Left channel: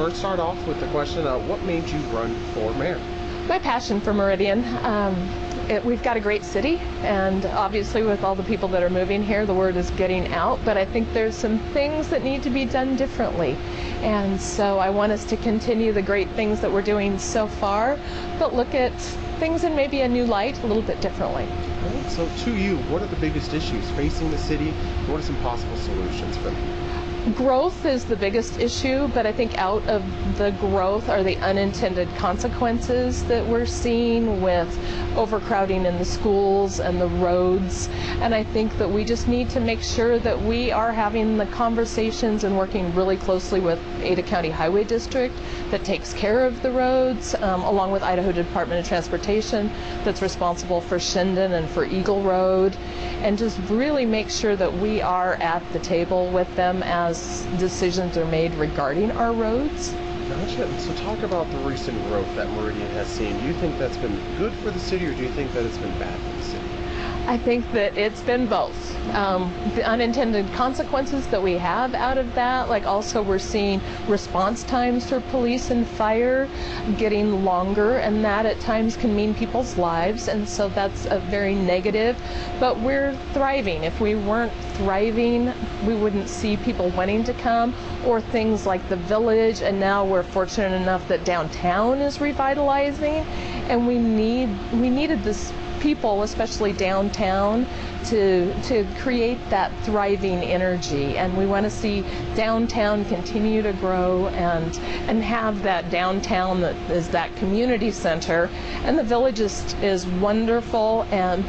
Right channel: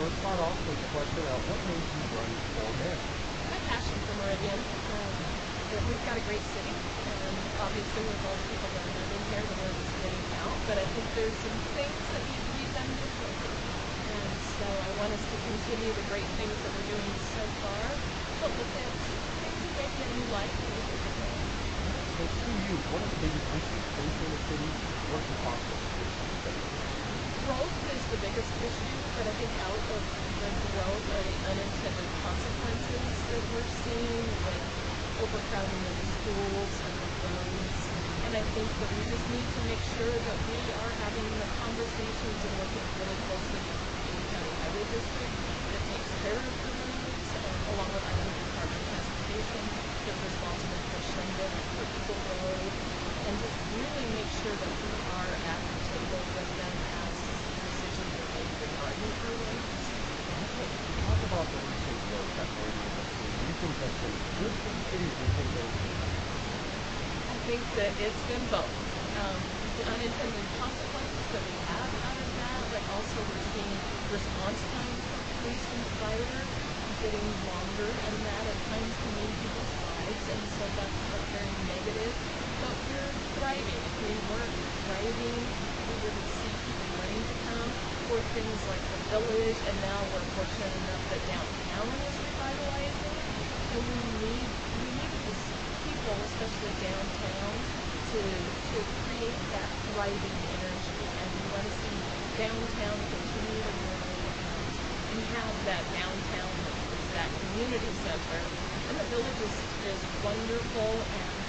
first start off with the question of what made you run for mayor? My passion for Meridian. We've got a great city, and obviously with all the people that are moving here, the word is getting out, but I think there's some things that need to be done differently. And so I want us to continue the great things that we're doing so far, but look at things in maybe a new light, a little bit differently. So to you, what are the biggest issues facing the city? What are some possible solutions for them? Growth is the biggest issue, but I think out of the growth are the unintended consequences that we're seeing with overcrowding in the schools and the roads. And I think that we just need to make sure that we are having the conversations and working really closely with Ada County Highway District that takes care of the roads, along with Idaho Department of Transportation that's responsible for Shinden and for Eagle Road, and just really make sure that we are at the table with them as decisions are made regarding our roads. Gotcha. So talk about the recent growth that Meridian has seen. Do you think that's been good for the city, or do you think that it's been bad for the city? I think that it's been both. The unintended consequences that we have out of that, like also we're seeing response times for police and fire getting longer, and that at times can mean people's lives, and so that's a very negative. But we're thriving. If we weren't thriving, we wouldn't see people wanting to come, or things like the village, and now we're fortunate enough that downtown is revitalizing, and we needed this people, especially downtown, to create that thriving energy, and we want to see downtown continue to grow and have that downtown that is that community center. And the village is wonderful, and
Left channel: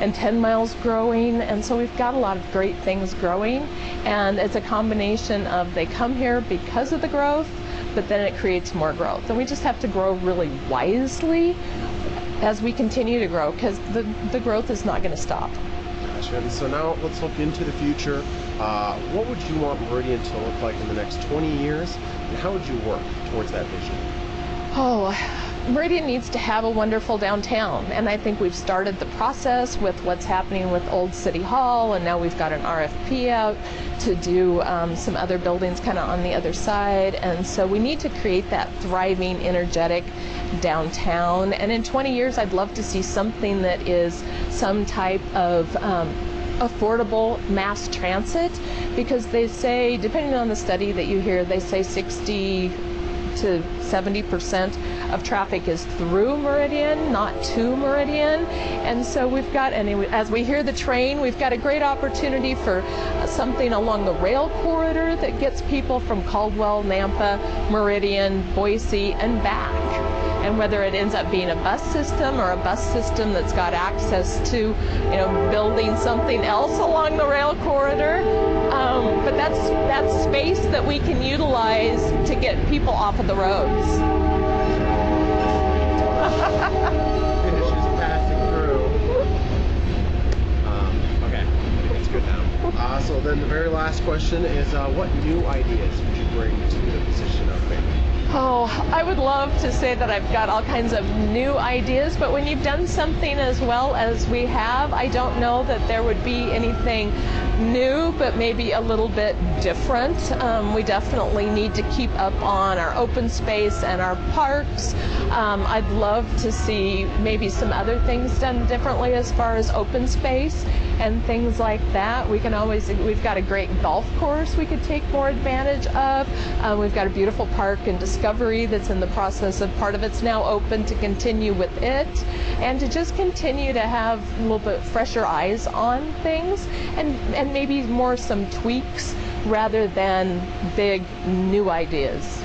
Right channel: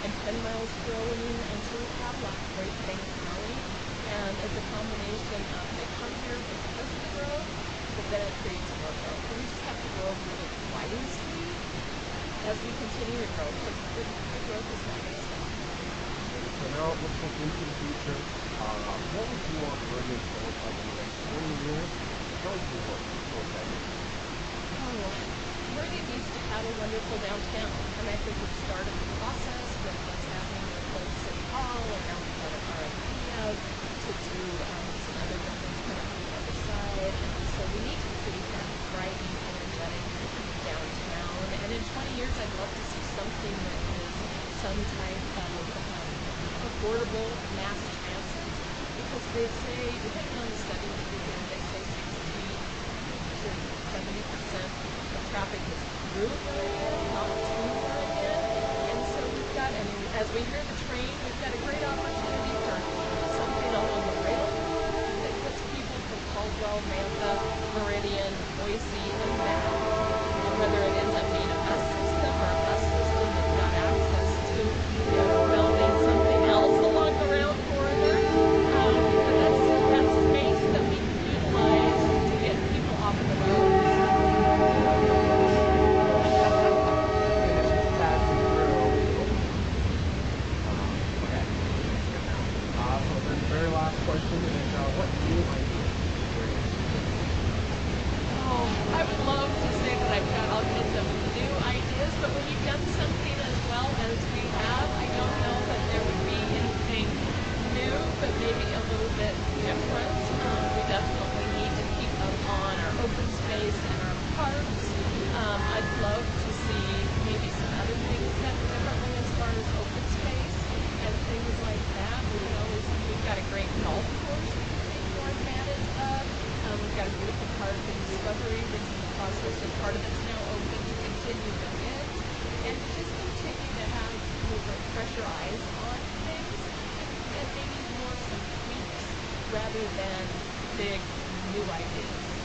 10 miles growing, and so we've got a lot of great things growing, and it's a combination of they come here because of the growth, but then it creates more growth, and we just have to grow really wisely as we continue to grow, because the growth is not going to stop. Gotcha. And so now let's look into the future. What would you want Meridian to look like in the next 20 years, and how would you work towards that vision? Oh, Meridian needs to have a wonderful downtown, and I think we've started the process with what's happening with Old City Hall, and now we've got an RFP out to do some other buildings kind of on the other side, and so we need to create that thriving, energetic downtown. And in 20 years, I'd love to see something that is some type of affordable mass transit, because they say, depending on the study that you hear, they say 60 to 70% of traffic is through Meridian, not to Meridian. And so we've got, and as we hear the train, we've got a great opportunity for something along the rail corridor that gets people from Caldwell, Nampa, Meridian, Boise, and back. And whether it ends up being a bus system or a bus system that's got access to, building something else along the rail corridor, but that's space that we can utilize to get people off of the roads. So then the very last question is, what new ideas would you bring to the position of mayor? Oh, I would love to say that I've got all kinds of new ideas, but when you've done something as well as we have, I don't know that there would be anything new, but maybe a little bit different. We definitely need to keep up on our open space and our parks. I'd love to see maybe some other things done differently as far as open space and things like that. We've got a great golf course we could take more advantage of. We've got a beautiful park in Discovery that's in the process of, part of it's now open, to continue with it, and to just continue to have a little bit fresher eyes on things, and maybe more some tweaks rather than big new ideas.